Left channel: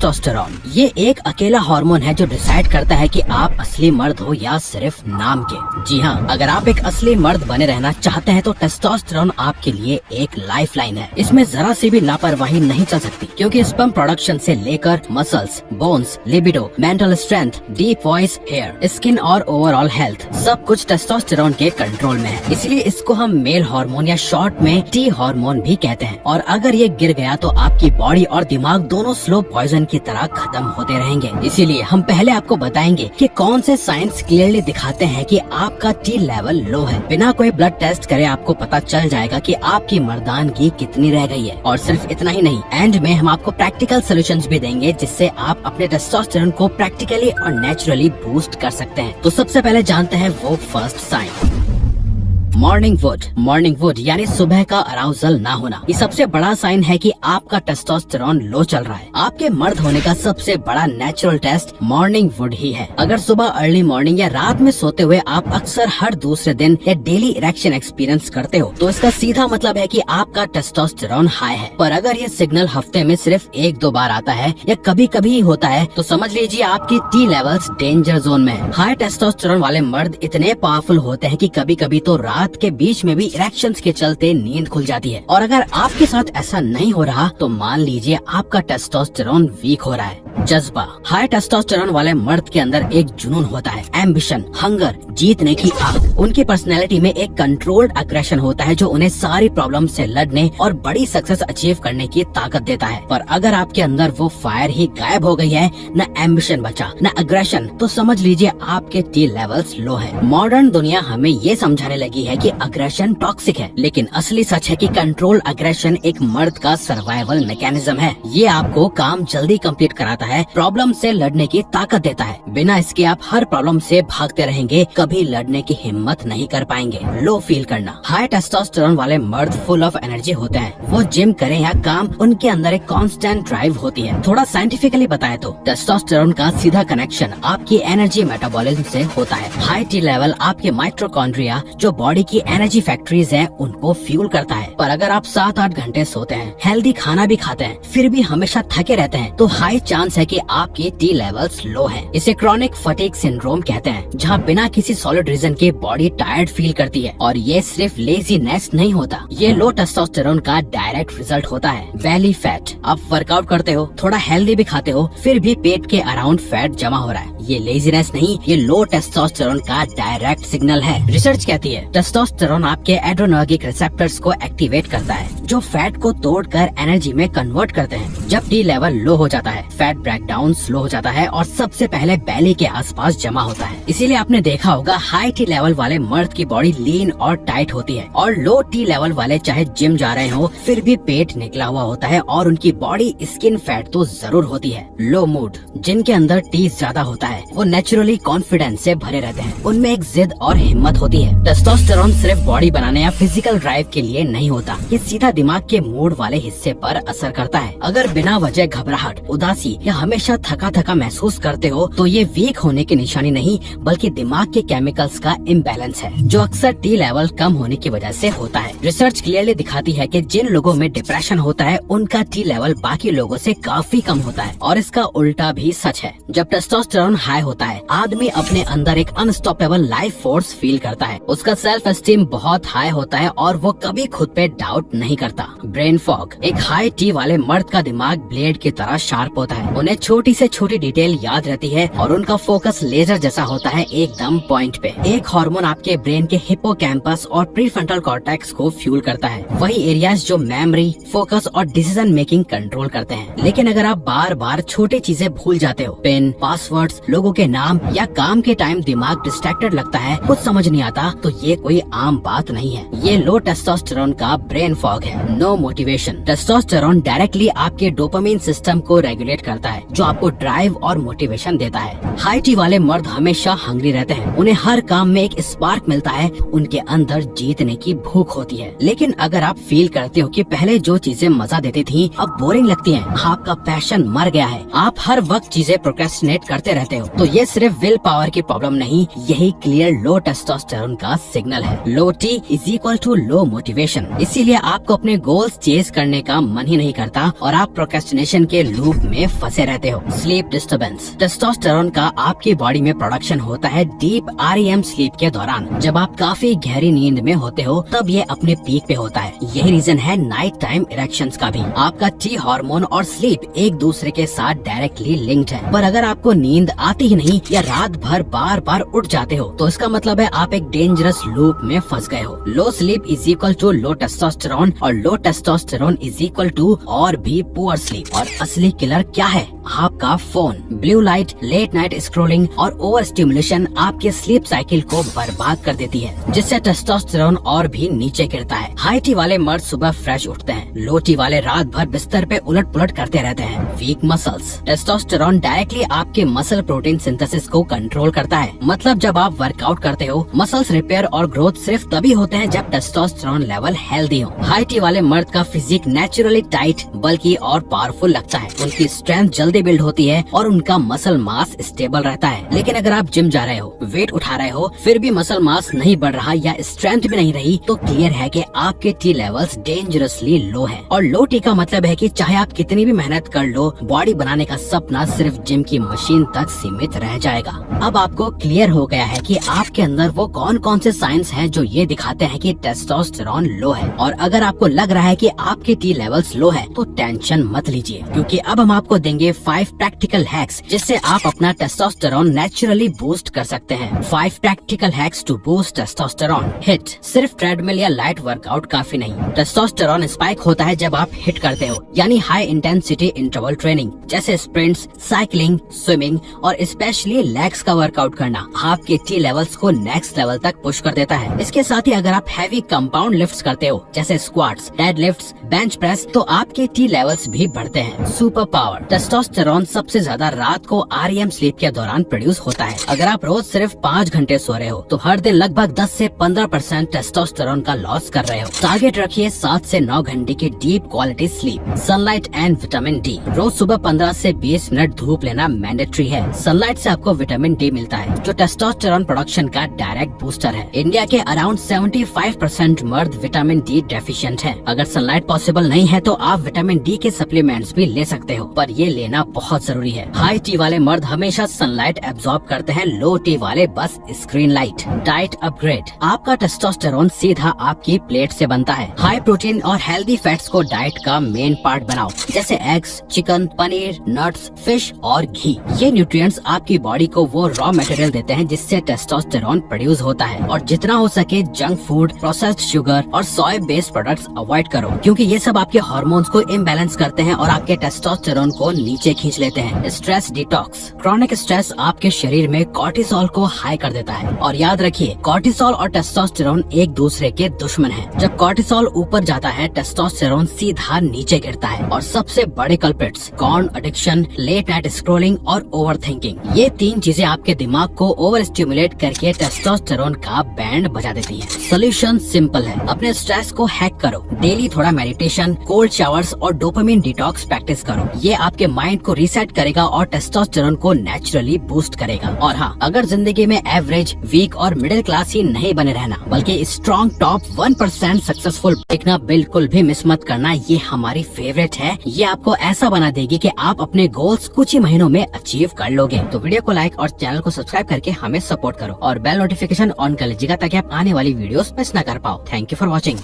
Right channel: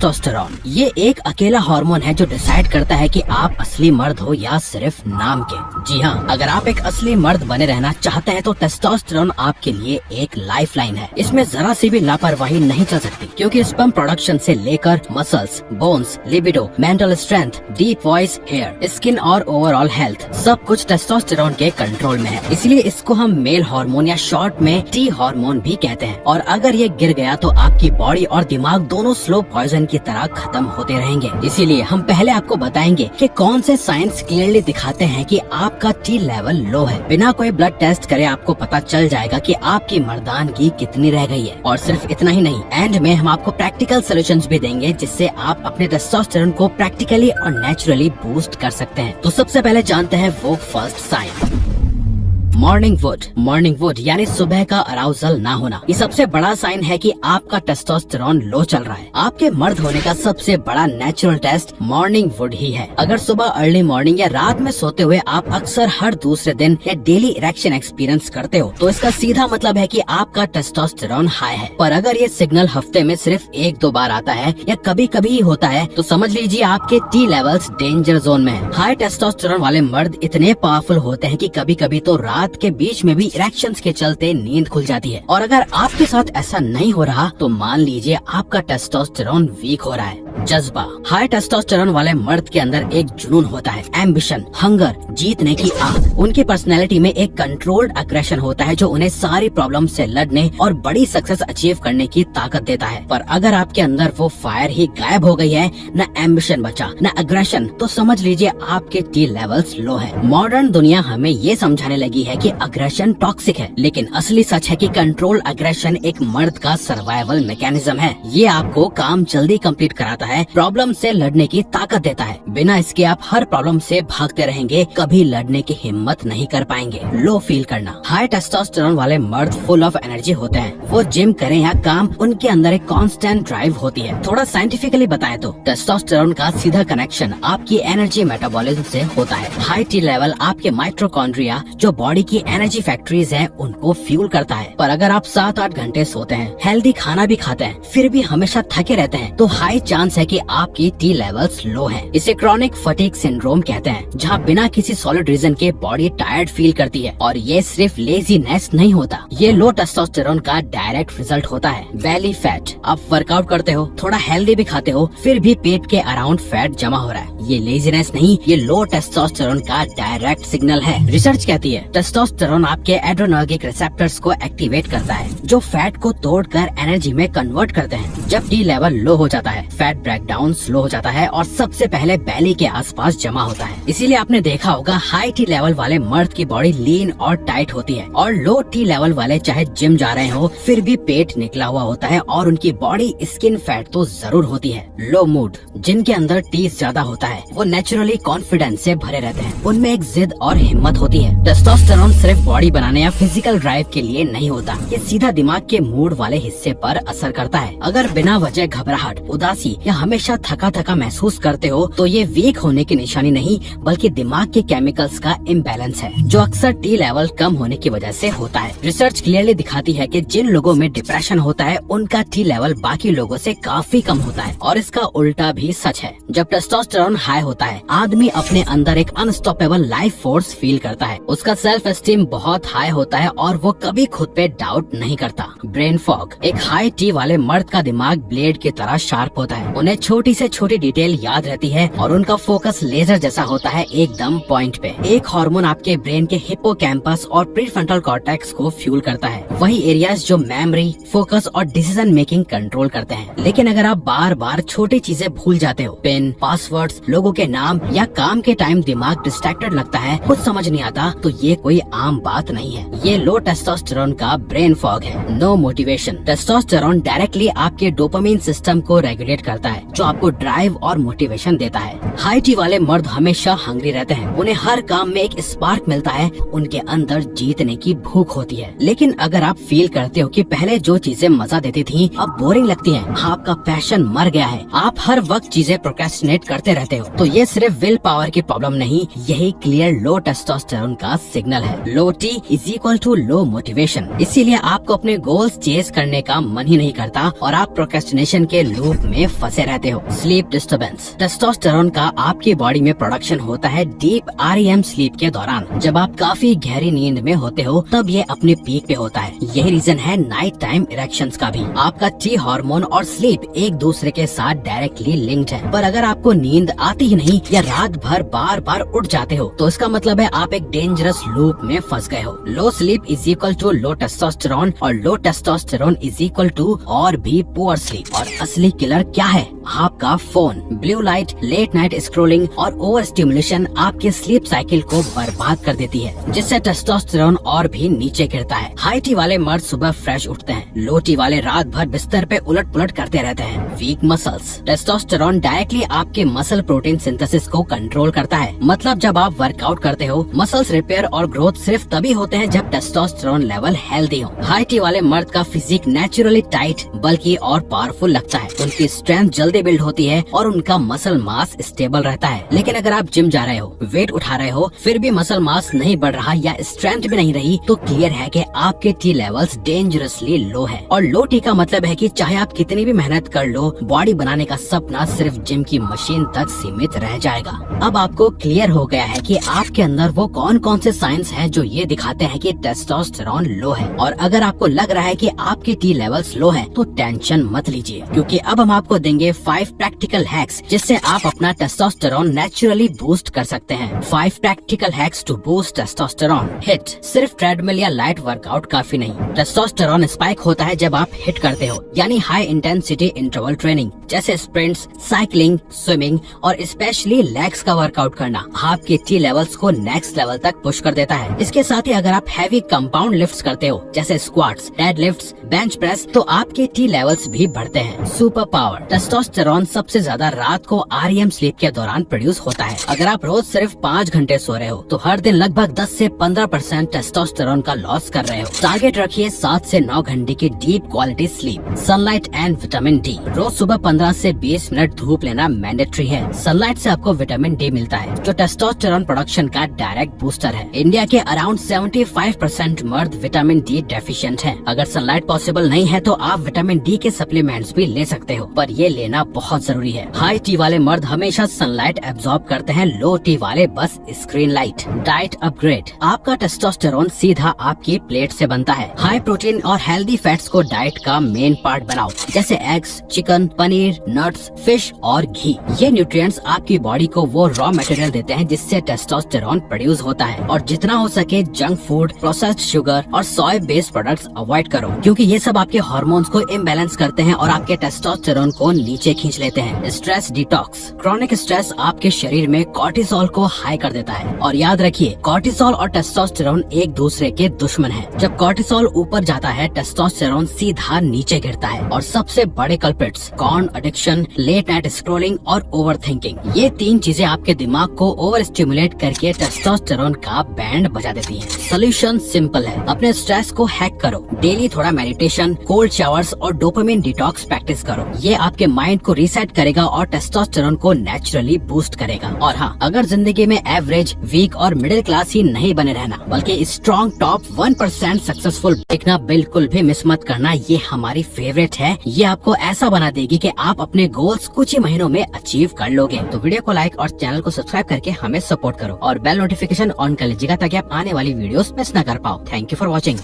Testosterone ये एक अकेला हार्मोन है जो डिसाइड करता है कि आप असली मर्द हो या सिर्फ नाम के। जी हाँ, अगर आप एक असली मर्द बने रहना चाहते हैं तो टेस्टोस्टेरोन आपके लिए एक लाइफलाइन है। इसमें जरा सी भी लापरवाही नहीं चल सकती, क्योंकि स्पर्म प्रोडक्शन से लेकर muscles, bones, libido, mental strength, deep voice, hair, skin और ओवरऑल हेल्थ सब कुछ टेस्टोस्टेरोन के कंट्रोल में है। इसलिए इसको हम मेल हार्मोन या शॉर्ट में टी हार्मोन भी कहते हैं। और अगर ये गिर गया तो आपकी बॉडी और दिमाग दोनों स्लो पॉइजन की तरह खत्म होते रहेंगे। इसीलिए हम पहले आपको बताएंगे कि कौन से साइंस क्लियरली दिखाते हैं कि आपका टी लेवल लो है। बिना कोई ब्लड टेस्ट करे आपको पता चल जाएगा कि आपकी मर्दानगी कितनी रह गई है। और सिर्फ इतना ही नहीं, एंड में हम आपको प्रैक्टिकल सॉल्यूशंस भी देंगे जिससे आप अपने टेस्टोस्टेरोन को प्रैक्टिकली और नेचुरली बूस्ट कर सकते हैं। तो सबसे पहले जानते हैं वो फर्स्ट साइन, मॉर्निंग वुड यानी सुबह का अराउजल ना होना। ये सबसे बड़ा साइन है कि आपका टेस्टोस्टेरोन लो चल रहा है। आपके मर्द होने का सबसे बड़ा natural taste morning would he है। अगर सुबह अर्ली मॉर्निंग या रात में सोते हुए आप अक्सर हर दूसरे दिन या डेली इरेक्शन एक्सपीरियंस करते हो तो इसका सीधा मतलब है कि आपका टेस्टोस्टेरोन हाई है। पर अगर ये सिग्नल हफ्ते में सिर्फ 1-2 बार आता है या कभी कभी ही होता है तो समझ लीजिए आपके टी लेवल्स डेंजर जोन में है। हाई टेस्टोस्टेरोन वाले मर्द इतने पावरफुल होते हैं कि कभी कभी तो रात के बीच में भी इरेक्शंस के चलते नींद खुल जाती है। और अगर आपके साथ ऐसा नहीं हो रहा तो मान लीजिए आपका टेस्टोस्टेरोन वीक हो रहा है। जज्बा, हाई टेस्टोस्टेरोन वाले मर्द के अंदर एक जुनून होता है, एम्बिशन, हंगर, जीतने की आग। उनकी पर्सनैलिटी में एक कंट्रोल्ड अग्रेशन होता है जो उन्हें सारी प्रॉब्लम से लड़ने और बड़ी सक्सेस अचीव करने की ताकत देता है। पर अगर आपके अंदर वो फायर ही गायब हो गई है, न एम्बिशन बचा न अग्रेशन, तो समझ लीजिए आपके टी लेवल्स लो है। मॉडर्न दुनिया हमें ये समझाने लगी है कि अग्रेशन टॉक्सिक है, लेकिन असली सच है कि कंट्रोल अग्रेशन एक मर्द का सर्वाइवल मैकेनिज्म है। ये आपको काम जल्दी कंप्लीट कराता है, प्रॉब्लम से लड़ने की ताकत देता है। बिना इसके आप हर प्रॉब्लम से भागते रहेंगे, कभी लड़ने की हिम्मत नहीं कर पाएंगे। लो फील करना, हाई टेस्टोस्टेरोन वाले मर्द फुल ऑफ एनर्जी होते हैं। वो जिम करें या काम, उनके अंदर एक कांस्टेंट ड्राइव होती है। थोड़ा साइंटिफिकली बताए तो टेस्टोस्टेरोन का सीधा कनेक्शन आपकी एनर्जी मेटाबॉलिज्म से होता है। हाई टी लेवल आपके माइटोकॉन्ड्रिया जो बॉडी की एनर्जी फैक्ट्रीज है उनको फ्यूल करता है। पर अगर आप 7-8 घंटे सोते हैं, हेल्दी खाना भी खाते हैं, फिर भी हमेशा थके रहते हैं तो हाई चांस है कि आपकी टी लेवल्स लो है। इसे क्रॉनिक फटीग सिंड्रोम कहते हैं, जहाँ बिना किसी सॉलिड रीजन के बॉडी टायर्ड फील करती है। और ये सिर्फ लेजीनेस नहीं होता, ये लो टेस्टोस्टेरोन का डायरेक्ट रिजल्ट होता है। बेली फैट, आप वर्कआउट करते हो, थोड़ा हेल्दी भी खाते हो, फिर भी पेट के अराउंड फैट जमा हो रहा है। ये लेजीनेस नहीं, ये लो टेस्टोस्टेरोन का डायरेक्ट सिग्नल है। रिसर्च कहती है टेस्टोस्टेरोन आपके एड्रेनर्गिक रिसेप्टर्स को एक्टिवेट करता है जो फैट को तोड़कर एनर्जी में कन्वर्ट करते हैं। जब टी लेवल लो हो जाता है, फैट ब्रेकडाउन स्लो हो जाता है और सबसे पहले बेली के आसपास जमा होता है। इसीलिए आपने देखा होगा हाई टी लेवल वाले मर्द की बॉडी लीन और टाइट होती है, और लो टी लेवल वाले चाहे जिम जा रहे हो फिर भी पेट निकला हुआ होता है और उनकी बॉडी स्किन फैट तो जरूर होती है। लो मूड, जिनके अंदर टी ज्यादा होता है वो नेचुरली कॉन्फिडेंस से भरे रहते हैं, उनमें एक जिद और हिम्मत होती है। टेस्टोस्टेरोन सिर्फ बॉडी बनाने या फिजिकल ड्राइव के लिए नहीं होता, ये सीधा दिमाग के मूड वाले हिस्से पर असर करता है। अगर बिना वजह घबराहट, उदासी या हमेशा थका थका महसूस करते हो तो ये वीक होने की निशानी नहीं बल्कि दिमाग के केमिकल्स का इम्बैलेंस है, जो अक्सर टी लेवल कम होने की वजह से होता है। रिसर्च क्लियरली दिखाती है कि जिन लोगों में डिप्रेशन होता है उनका टी लेवल बाकी लोगों से काफी कम होता है, और इसका उल्टा भी सच है। जब टेस्टोस्टेरोन हाई होता है, आदमी अपने अंदर एक अनस्टॉपेबल लाइफ फोर्स फील करता है, उसका सेल्फ एस्टीम बहुत हाई होता है और वो कभी खुद पे डाउट नहीं करता। ब्रेन फॉग, एक हाई टी वाले मर्द का दिमाग ब्लेड की तरह शार्प होता है, उन्हें छोटी से छोटी डिटेल याद रहती है और उनका फोकस लेजर जैसा होता है, एकदम पॉइंट पे। एक हार्मोन आपके ब्रेन के हिप्पोकैम्पस और प्रीफ्रंटल कॉर्टेक्स को फ्यूल करता है, वही एरियाज जो मेमोरी, फोकस और डिसीजन मेकिंग कंट्रोल करते हैं। लेकिन अगर आप बार बार छोटी चीजें भूल जाते हो, पिन, पासवर्ड्स, लोगों के नाम या काम के टाइम दिमाग डिस्ट्रैक्टेड लगता है, कुछ समझ नहीं आता, तो ये कोई आम बात नहीं है, ये लो टेस्टोस्टेरोन का ब्रेन फॉग है। नो मोटिवेशन, टेस्टोस्टेरोन डायरेक्टली आपके डोपामिन सिस्टम को रेगुलेट करता है जो आपको ड्राइव और मोटिवेशन देता है। हाई टी वाले मर्द हमेशा हंग्री रहते हैं, उन्हें हर काम में एक स्पार्क मिलता है, उनके अंदर जीतने की भूख होती है। लेकिन अगर आप फील करते हो कि पहले जो चीजें मजा देती थी अब बोरिंग लगती हैं, आपका पैशन मर गया है, आप हर वक्त चीजें प्रोक्रेस्टिनेट करते रहते हो, तो ये सिर्फ विल पावर की प्रॉब्लम नहीं, यही क्लियर लो टेस्टोस्टेरोन का सिग्नल है। Low T is equal to low motivation. इसीलिए आपको अपने गोल्स चेस करने का मन ही नहीं करता और आप प्रोक्रेस्टिनेशन के लूप में फंसे रहते हो। Sleep disturbance. टेस्टोस्टेरोन का आपकी बॉडी में प्रोडक्शन होता है डीप REM स्लीप के दौरान। जब आप काफी गहरी नींद में होते हो तब ये अपने पीक पे होता है। यही रीजन है नाइट टाइम इरेक्शंस का भी। आपका T हार्मोन और स्लीप एक दूसरे के साथ डायरेक्टली लिंक्ड है। पर अगर आपको नींद आती ही नहीं या रात भर बार बार उठ जाते हो तो इसका मतलब है आप एक डेंजरस लूप में फंस गए हो। Low sleep is equal to low testosterone और low testosterone is equal to और भी पुअर स्लीप। और असली किलर क्या है? आपका phone. Blue light, late night scrolling और ओवर स्टिमुलेशन आपके स्लीप साइकिल को बर्बाद कर देती है, जिससे टेस्टोस्टेरोन और भी नीचे गिरता है। हाई टी वाले मर्द सुबह फ्रेश उठते हैं, लो टी वाले रात भर बिस्तर पे उलट पुलट करते रहते हैं। Week muscles. टेस्टोस्टेरोन डायरेक्टली आपके मसल प्रोटीन सिंथेसिस को कंट्रोल करता है। मतलब जब आप वर्कआउट करते हो मसल्स रिपेयर और ग्रोथ सिर्फ तभी होते हैं जब टेस्टोस्टेरोन लेवल हेल्दी हो। हाई टी वाले मर्द का फिजिक नेचुरली टाइट, बल्कि और पावरफुल लगता है। उनकी स्ट्रेंथ जल्दी बिल्ड होती है और उनका मसल मास स्टेबल रहता है। लेकिन अगर आप जिम जा रहे हो, वेट उठा रहे हो, फिर भी मसल मास नहीं बढ़ रहा या स्ट्रेंथ भी नहीं रही, तो क्लियर है कि आपके टी लेवल्स डेंजरसली लो है। और लो टी का मतलब है कि चाहे आप कितनी भी मेहनत कर लो, बॉडी बनाने का सपना सिर्फ जिम की मशीन तक सीमित रह जाएगा। अब आपको क्लियर हो गया है कि आपके अंदर वो कौन कौन से साइंस हैं जो ये दिखाते हैं कि टेस्टोस्टेरोन लो है। और अगर आपको लग रहा है कि आपके टी लेवल्स लो है तो टेंशन मत लीजिए, क्योंकि अब हम आपको देंगे 5 प्रैक्टिकल हैक्स जिससे आप अपना टेस्टोस्टेरोन नेचुरली बूस्ट कर सकते हैं। 5 practical hacks to boost testosterone. Hit. सिर्फ ट्रेडमिल या लाइट वर्कआउट काफी नहीं। टेस्टोस्टेरोन स्पाइक होता है जब आप हिट करते हो, यानी हाई इंटेंसिटी इंटरवल ट्रेनिंग जैसे स्प्रिंट्स, साइकिलिंग, स्विमिंग और स्पेशली लेग्स का वर्कआउट करना आपके टी लेवल्स को नेक्स्ट लेवल तक पुश कर देता है। इसके साथ ही अगर आप हैवी कंपाउंड लिफ्ट्स करते हो जैसे squats, dead lifts, bench press, तो आपके टी लेवल्स भी बढ़ते हैं। Super power. टेस्टोस्टेरोन सबसे ज्यादा रात को REM स्लीप के दौरान प्रोड्यूस होता है। अगर आप रोज सिर्फ 5 घंटे सो रहे हो तो हर दिन लगभग 10 से 15% टेस्टोस्टेरोन का लॉस कर रहे हो। टारगेट रखिए 7 से 9 घंटे की deep quality sleep. Sunlight and vitamin D. रोज सुबह 15 से 20 मिनट धूप लेना मैंडेटरी है। सनलाइट से आपको विटामिन डी मिलता है जो टेस्टोस्टेरोन प्रोडक्शन का डायरेक्ट बूस्टर है। इंडिया के अराउंड 75% मर्द विटामिन डी डेफिशिएंट है। अगर सनलाइट पॉसिबल नहीं है तो आप विटामिन डी के सप्लीमेंट्स भी ले सकते हो, पर ये लेना बहुत जरूरी है। हाई टी वाले मर्द हमेशा सनलाइट एब्जॉर्ब करते हैं, लो टी वाले बस स्क्रीन लाइट। Diet upgrade. आपका टेस्टोस्टेरोन सीधा आपकी प्लेट से बनता है। हाई प्रोटीन और हेल्दी फैट्स को डाइट का मेन पार्ट बनाओ, जैसे eggs, chicken, paneer, nuts, fish और घी। ये न्यूट्रिएंट्स आपकी बॉडी को वो रॉ मटेरियल देते हैं जिससे टेस्टोस्टेरोन प्रोड्यूस होता है। और जितना हो सके जंक फूड, प्रोसेस्ड शुगर और सोया बेस्ड प्रोडक्ट्स अवॉइड करो, क्योंकि ये सब आपके हार्मोन्स को इम्बैलेंस करते हैं और आपके टेस्टोस्टेरोन को नीचे खींच लेते हैं। Stress detox. क्रोनिक स्ट्रेस आपके शरीर में कॉर्टिसोल को हाई कर देता है। और याद रखिए, कॉर्टिसोल और टेस्टोस्टेरोन एक दूसरे के दुश्मन हैं। जब कॉर्टिसोल ऊपर जाता है, टेस्टोस्टेरोन सीधा नीचे गिरता है। और सबसे बड़े culprits porn addiction, late night scrolling और ओवर थिंकिंग। ये 3 चीजें आपके दिमाग को ओवर स्टिमुलेट करके टेस्टोस्टेरोन का बैंड बजा देती हैं। सोल्यूशन सिंपल है, अपने स्ट्रेस को हैक करो। डेली थोड़ा मेडिटेशन, कोल्ड शावर्स और डोपामिन डिटॉक्स प्रैक्टिस करो। ये आपके माइंड को रीसेट करेगा और टेस्टोस्टेरोन को नेचुरली बूस्ट करेगा। और हाँ, अगर जिंदगी में एवरेज, वीक और मिडिल क्लास ही नहीं बने रहना, बल्कि स्ट्रॉन्ग टॉप 1% सक्सेसफुल देखना बिल्कुल भी मिस मत करना। ये हमारी फेवरेट है। ये आपको ऐसा बना देगी कि आप अपने गोल्स कुछ ही महीनों में अचीव कर लोगे। तो वीडियो को लाइक और चैनल को सब्सक्राइब करके हमें सपोर्ट करो और बेल नोटिफिकेशन ऑन कर लीजिएगा ताकि आप आने वाली वीडियोस मिस न कर पाओ। Thank you for watching.